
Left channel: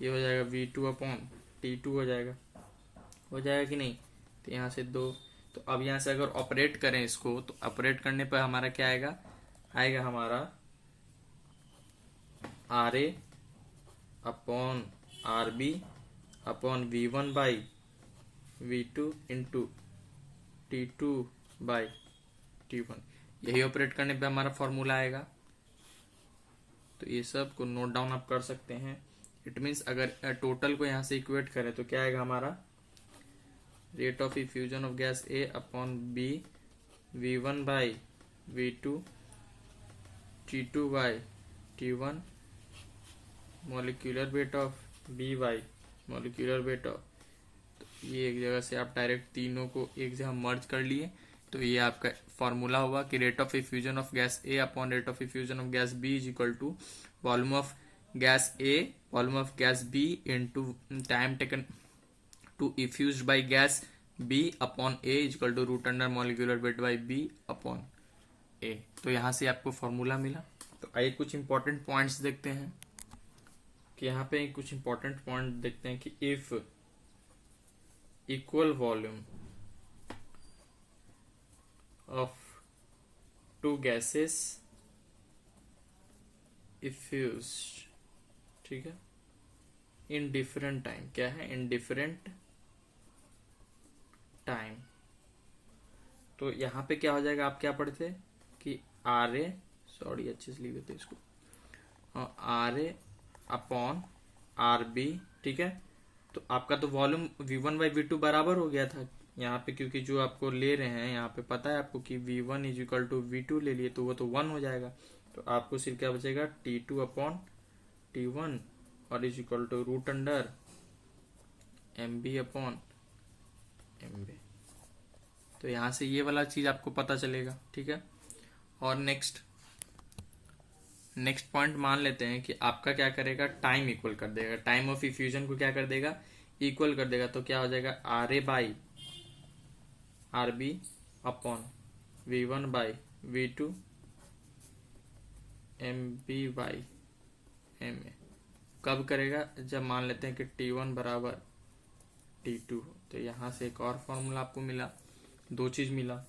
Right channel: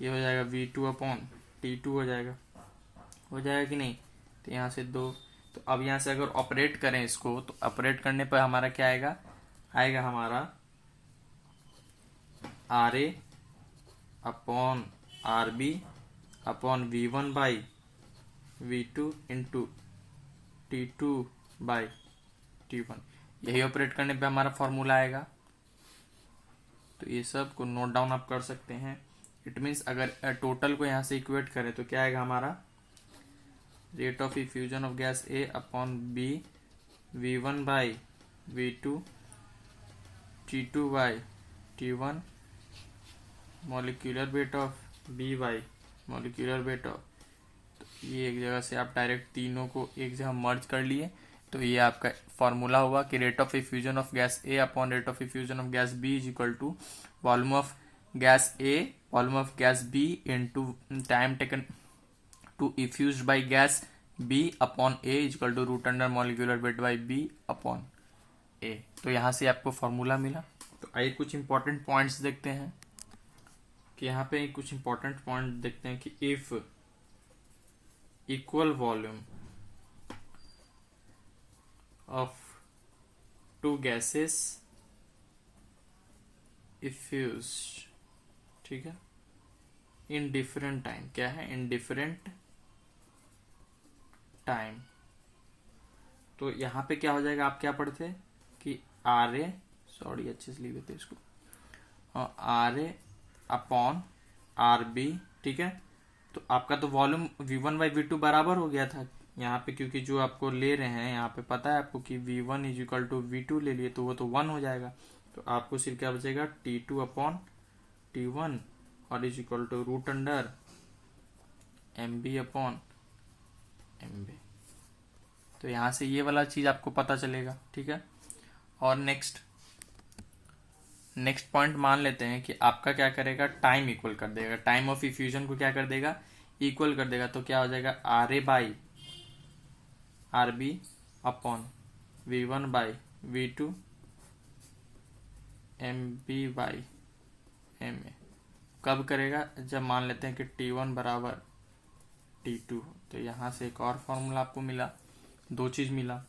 ये हो जाएगा V2 अपॉन T2 हो जाएगा कि नहीं, तो यहाँ से 2। तो अब यहाँ से अगर ऑपरेट करें इसको, तो ऑपरेट करने पर हमारा क्या आएगा हमारा R A upon R B upon V1 by V2 into T2 by T1। यही ऑपरेट करने पे हमारा फॉर्मूला आएगा। तो ये सब को नोट डाउन आप कर सकते हैं। इट मीन्स अगर टोटल को यहाँ से इक्वेट करें तो क्या आएगा हमारा, rate of effusion of gas A upon B, V1 by V2, T2 by T1, molecular weight of B by molecular weight of, ये एक जगह से आप डायरेक्ट तीनों को एक जगह मर्ज कर लिए। तो ये आपका फॉर्मूला हुआ कि rate of effusion of gas A upon rate of effusion of gas B is equal to volume of gas A, volume of gas B into time taken to effuse by gas B upon A is equal to root under molecular weight by B upon A. तो यहां से आपको formula मिला। तो आइए कुछ important points देखते हैं कि यहाँ पे कुछ इंपॉर्टेंट पॉइंट देखते हैं कि if equal volume of two gases effuse, ठीक है, इन डिफरेंट टाइम, क्या है, इन डिफरेंट टाइम। तो यहां पे क्या हो जाएगा, आप क्या पढ़ते कि आर ए, सॉरी अच्छे से लिख देते इसको, R A upon R B, ठीक है। तो आपका तो वॉल्यूम V1 बाई V2 बराबर हो गया था यहाँ पे, क्योंकि जो आपको ले रहे हैं यहाँ पे पता है आपको कि V1 is equal to V2 ले लिए, तो वो तो 1 हो जाएगा। तो आपको सिर्फ क्या बचेगा, T2 अपॉन T1 और is equal to root under MB upon MB। तो यहाँ से ये वाला चीज आपको पता चलेगा, ठीक है। और नेक्स्ट पॉइंट मान लेते हैं कि आपका क्या करेगा, टाइम इक्वल कर देगा, टाइम ऑफ इफ्यूजन को क्या कर देगा, इक्वल कर देगा। तो क्या हो जाएगा, R A by R B upon V1 by V2 MB by MA। कब करेगा? जब मान लेते हैं कि T1 बराबर T2। तो यहाँ से एक और फॉर्मूला आपको मिला, दो चीज मिला।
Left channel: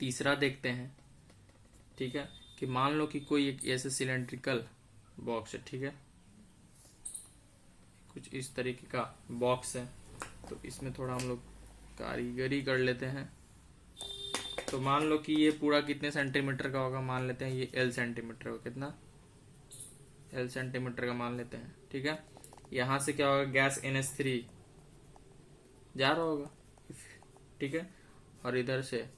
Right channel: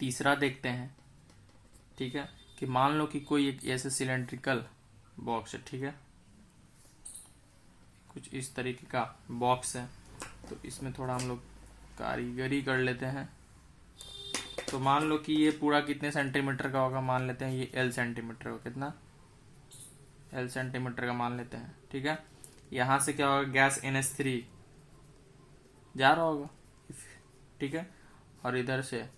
तीसरा देखते हैं, ठीक है, कि मान लो कि कोई एक ऐसे सिलेंड्रिकल बॉक्स है, ठीक है, कुछ इस तरीके का बॉक्स है। तो इसमें थोड़ा हम लोग कारीगरी कर लेते हैं। तो मान लो कि ये पूरा कितने सेंटीमीटर का होगा, मान लेते हैं ये L सेंटीमीटर का, कितना L सेंटीमीटर का मान लेते हैं, ठीक है। यहां से क्या होगा, गैस NH3 जा रहा होगा, ठीक है, और इधर से,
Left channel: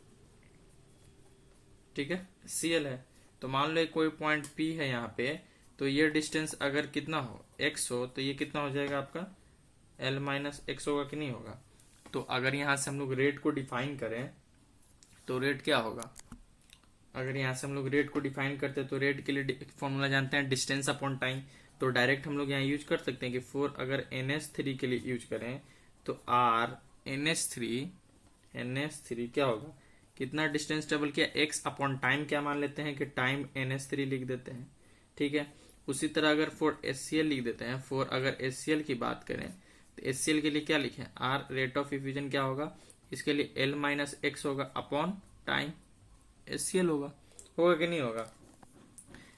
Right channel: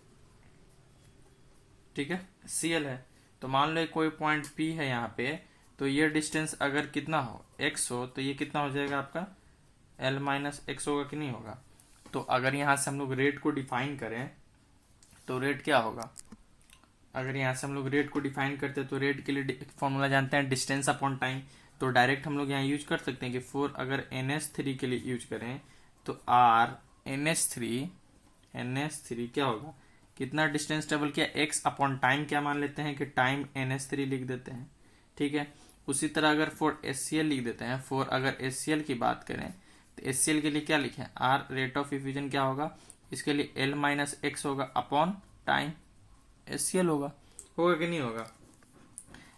ठीक है, Cl है। तो मान लो कोई पॉइंट P है यहाँ पे, तो ये डिस्टेंस अगर कितना हो, x हो, तो ये कितना हो जाएगा आपका L माइनस x होगा कि नहीं होगा। तो अगर यहां से हम लोग रेट को डिफाइन करें तो रेट क्या होगा, अगर यहां से हम लोग रेट को डिफाइन करते हैं तो रेट के लिए फॉर्मूला जानते हैं, डिस्टेंस अपॉन टाइम। तो डायरेक्ट हम लोग यहाँ यूज कर सकते हैं कि 4 अगर NH3 के लिए यूज करें तो R NH3 क्या होगा, कितना डिस्टेंस ट्रेवल किया, x अपॉन टाइम क्या मान लेते हैं कि टाइम NH3 लिख देते हैं, ठीक है। उसी तरह अगर फॉर HCl लिख देते हैं, फॉर अगर HCl की बात करें तो HCl के लिए क्या लिखें, R रेट ऑफ इफ्यूजन क्या होगा, इसके लिए L माइनस एक्स होगा अपॉन टाइम HCl होगा कि नहीं होगा।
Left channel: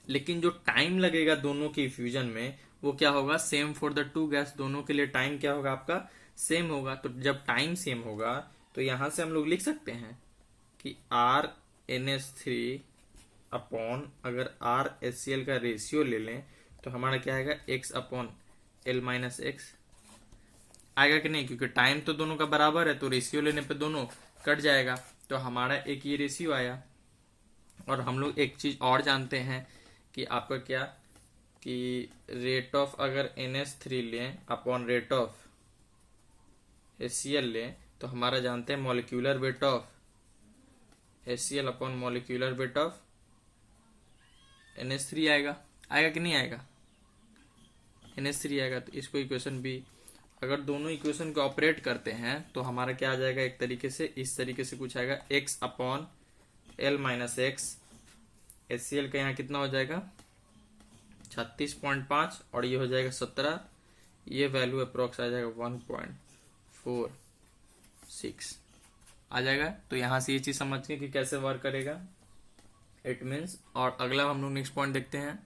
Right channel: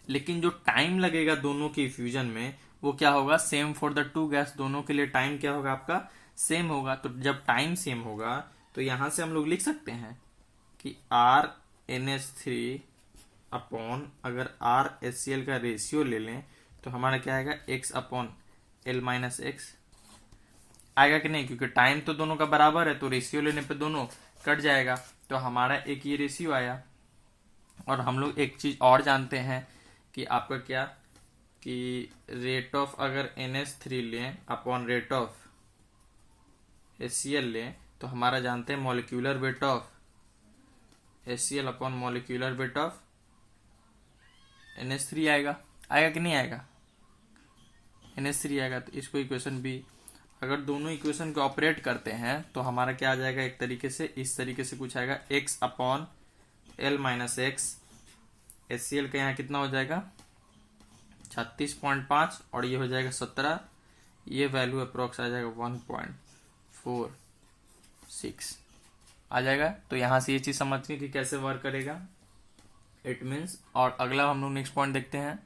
लेकिन जो टाइम लगेगा दोनों के इफ्यूजन में वो क्या होगा, same for the two gas, दोनों के लिए टाइम क्या होगा आपका, सेम होगा। तो जब टाइम सेम होगा तो यहां से हम लोग लिख सकते हैं कि R NH3 अपॉन अगर R HCl का रेशियो ले लें तो हमारा क्या आएगा, x upon L minus x आएगा कि नहीं, क्योंकि टाइम तो दोनों का बराबर है, तो रेशियो लेने पे दोनों कट जाएगा। तो हमारा एक ये रेशियो आया। और हम लोग एक चीज और जानते हैं कि आपका क्या, कि रेट ऑफ अगर NH3 लें अपॉन रेट ऑफ HCl लें तो हमारा जानते हैं molecular weight of HCl upon molecular weight of NH3 आएगा कि नहीं आएगा, NH3 आएगा। तो इसको इक्वेशन भी अगर दोनों इक्वेशन को ऑपरेट करते हैं तो हमारा क्या आ जाएगा, एक तरीके से इस तरीके से कुछ आएगा, x upon L minus x. HCl का यहाँ कितना हो जाएगा 36.5 और ये हो जाएगा 17, ये वैल्यू अप्रोक्स आ जाएगा 1.46 आ जाएगा। तो यहां से ये चीज समझते हैं कि कैसे वर्क करेगा, इट मीन्स। और अगला हम लोग नेक्स्ट पॉइंट देखते हैं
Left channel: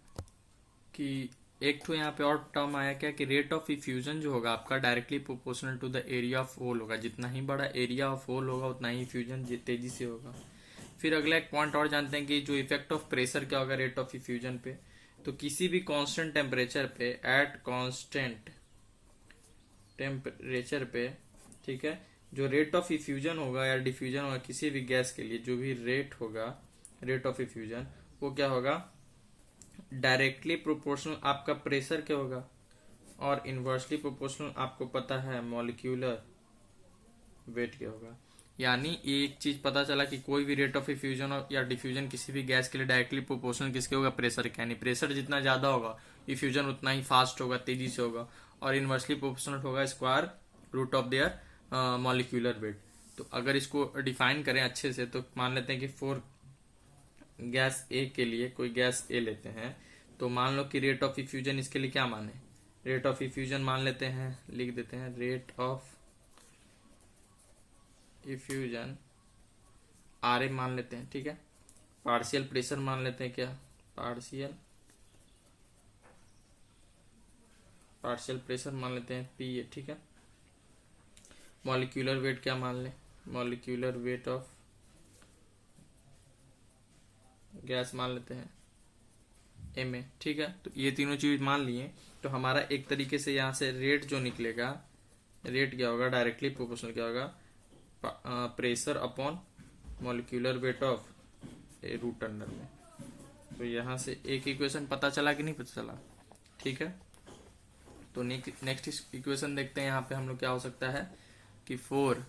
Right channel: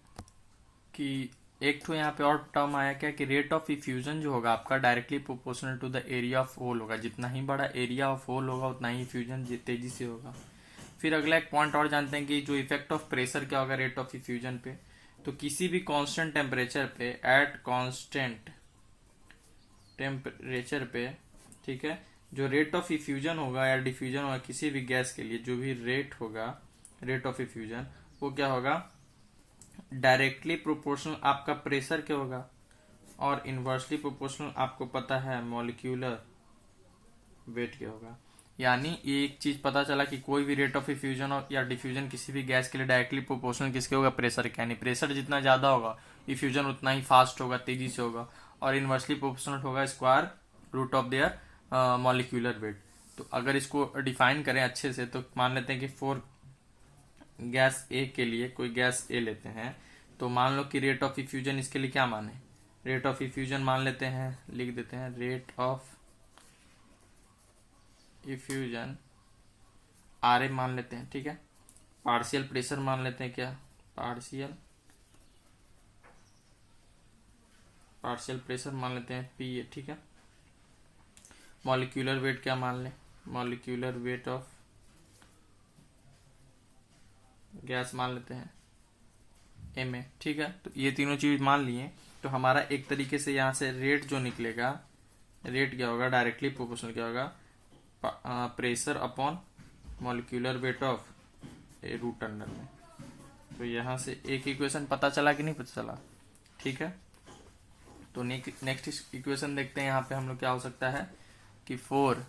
कि एक तो यहाँ पे और टर्म आया क्या, कि रेट ऑफ इफ्यूजन जो होगा आपका directly proportional to the area of hole होगा, जितना ही बड़ा एरिया ऑफ होल होगा उतना ही इफ्यूजन तेजी से होगा। फिर अगला एक पॉइंट और जानते हैं कि जो इफेक्ट ऑफ प्रेशर क्या होगा रेट ऑफ इफ्यूजन पे। तो किसी भी कांस्टेंट टेम्परेचर पे, एट कांस्टेंट टेम्परेचर पे, ठीक है, जो रेट ऑफ इफ्यूजन होगा या डिफ्यूजन होगा किसी भी गैस के लिए, जो भी रेट होगा रेट ऑफ इफ्यूजन, वो क्या होगा, डायरेक्टली प्रोपोर्शनल आपका प्रेशर क्या होगा, और इनवर्सली प्रोपोर्शनल आपको पता है मॉलिक्यूलर वेट क्या होगा। यानी एक चीज पता चला कि कोई भी रेट ऑफ इफ्यूजन या डिफ्यूजन किसी भी गैस के लिए डायरेक्टली प्रोपोर्शनल किसके होगा, प्रेशर के। यानी प्रेशर जितना ज्यादा होगा इफ्यूजन उतना ही फास्ट होगा, तेजी से होगा, और इनवर्सली प्रोपोर्शनल होगा square root of their molecular weight. तो अगर इसको डिफाइन करें अच्छे से तो मान लेते हैं कि फॉर गैस ए के लिए, कोई गैस ए लेते हैं, तो मान लो कि रेट ऑफ इफ्यूजन इसके लिए क्या माने, रेट ऑफ इफ्यूजन मान लेते हैं, लिख देते हैं रेट ऑफ इफ्यूजन RA मान लेते हैं, ठीक है। पार्शियल प्रेशर मान लेते हैं, क्या पार्शियल प्रेशर मान लेते हैं PA, ठीक है। मॉलिक्यूलर वेट क्या मान लें, मॉलिक्यूलर वेट ऑफ गैस मान लेते हैं MA, ठीक है। तो ये तीनों चीज मान लिए तो हमारा एक तरीके से यहाँ से रेट जो निकलेगा, रेट क्या होगा, डायरेक्टली प्रोपोर्शनल क्या होगा, pressure upon molecular weight of root under में। तो यहाँ से एक इक्वेशन पता चला कि नहीं पता चला, ठीक है। तो नेक्स्ट इक्वेशन देखते हैं, यहाँ पे हम लोग क्या हो सकता है कि फॉर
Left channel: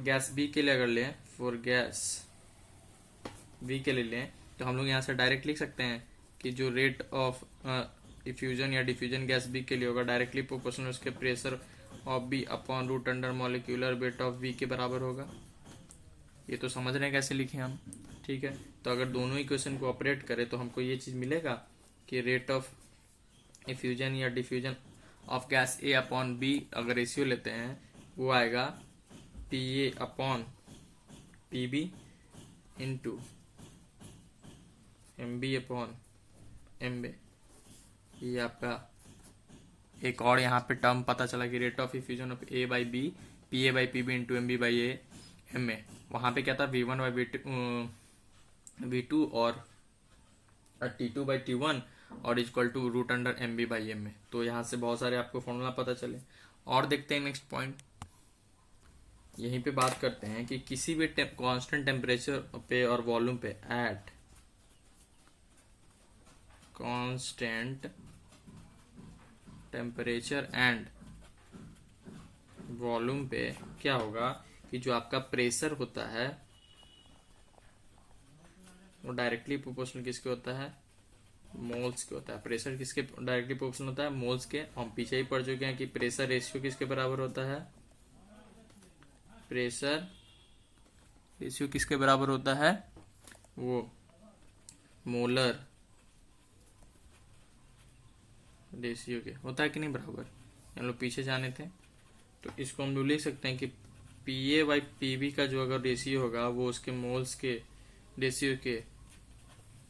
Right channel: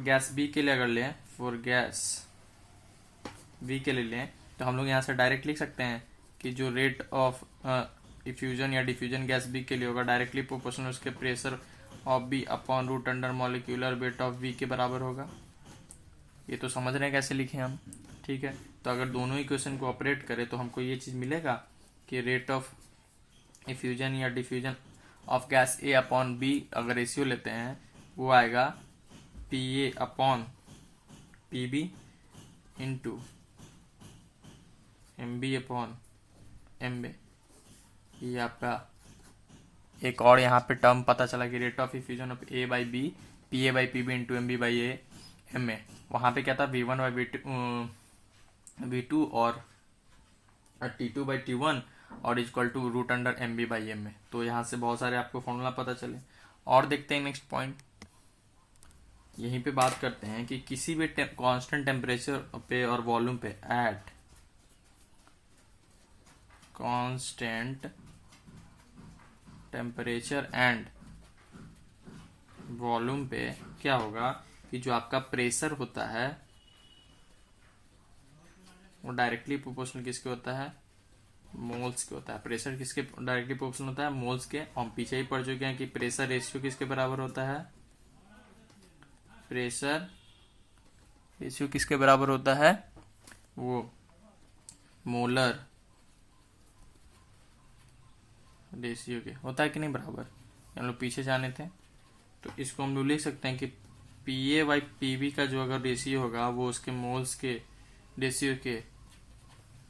गैस बी के लिए अगर लें, फॉर गैस बी के लिए लें तो हम लोग यहाँ से डायरेक्ट लिख सकते हैं कि जो रेट ऑफ इफ्यूजन या डिफ्यूजन गैस बी के लिए होगा डायरेक्टली प्रोपोर्शनल उसके pressure of B upon root under molecular weight of B के बराबर होगा। ये तो समझ रहे हैं कैसे लिखे हम, ठीक है। तो अगर दोनों इक्वेशन को ऑपरेट करें तो हमको ये चीज मिलेगा कि रेट ऑफ इफ्यूजन या diffusion of gas A upon B अगर रेशियो लेते हैं वो आएगा P A upon P B into M B upon M B. ये आपका एक और यहाँ पे टर्म पता चला कि rate of effusion of A by B P A by P B into M B by A M A. वहां पे क्या था V1 बाई V2 और T2 बाई T1 और equal to root under M B by M A. तो यहाँ से बहुत सारे आपको फॉर्मूला पता चले। और देखते हैं नेक्स्ट पॉइंट, यहीं पे बात करते हैं कि किसी भी कांस्टेंट टेम्परेचर पे और वॉल्यूम पे at constant temperature and volume पे क्या होगा कि जो आपका प्रेशर होता है वो डायरेक्टली प्रोपोर्शनल किसके होता है, मोल्स के होता है। प्रेशर किसके डायरेक्टली प्रोपोर्शनल होता है, मोल्स के। हम पीछे ही पढ़ चुके हैं कि प्रेशर रेशियो किसके बराबर होता है, प्रेशर रेशियो किसके बराबर होता है, वो मोलर रेशियो के होता है कि नहीं बराबर। हम लोग पीछे जाने थे तो इसको हम लोग ले सकते हैं कि P A by P B का जो अगर रेशियो होगा वो उसके मोल्स के रेशियो के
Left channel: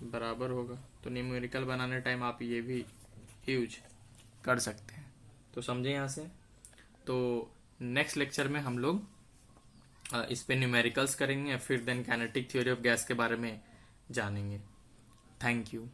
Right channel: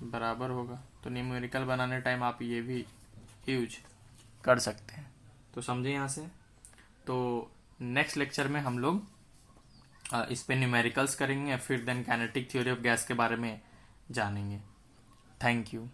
बराबर होगा। तो न्यूमेरिकल बनाने टाइम आप ये भी यूज कर सकते हैं। तो समझे यहाँ से। तो नेक्स्ट लेक्चर में हम लोग इस पे न्यूमेरिकल्स करेंगे, फिर then kinetic theory of gas के बारे में जानेंगे। Thank you.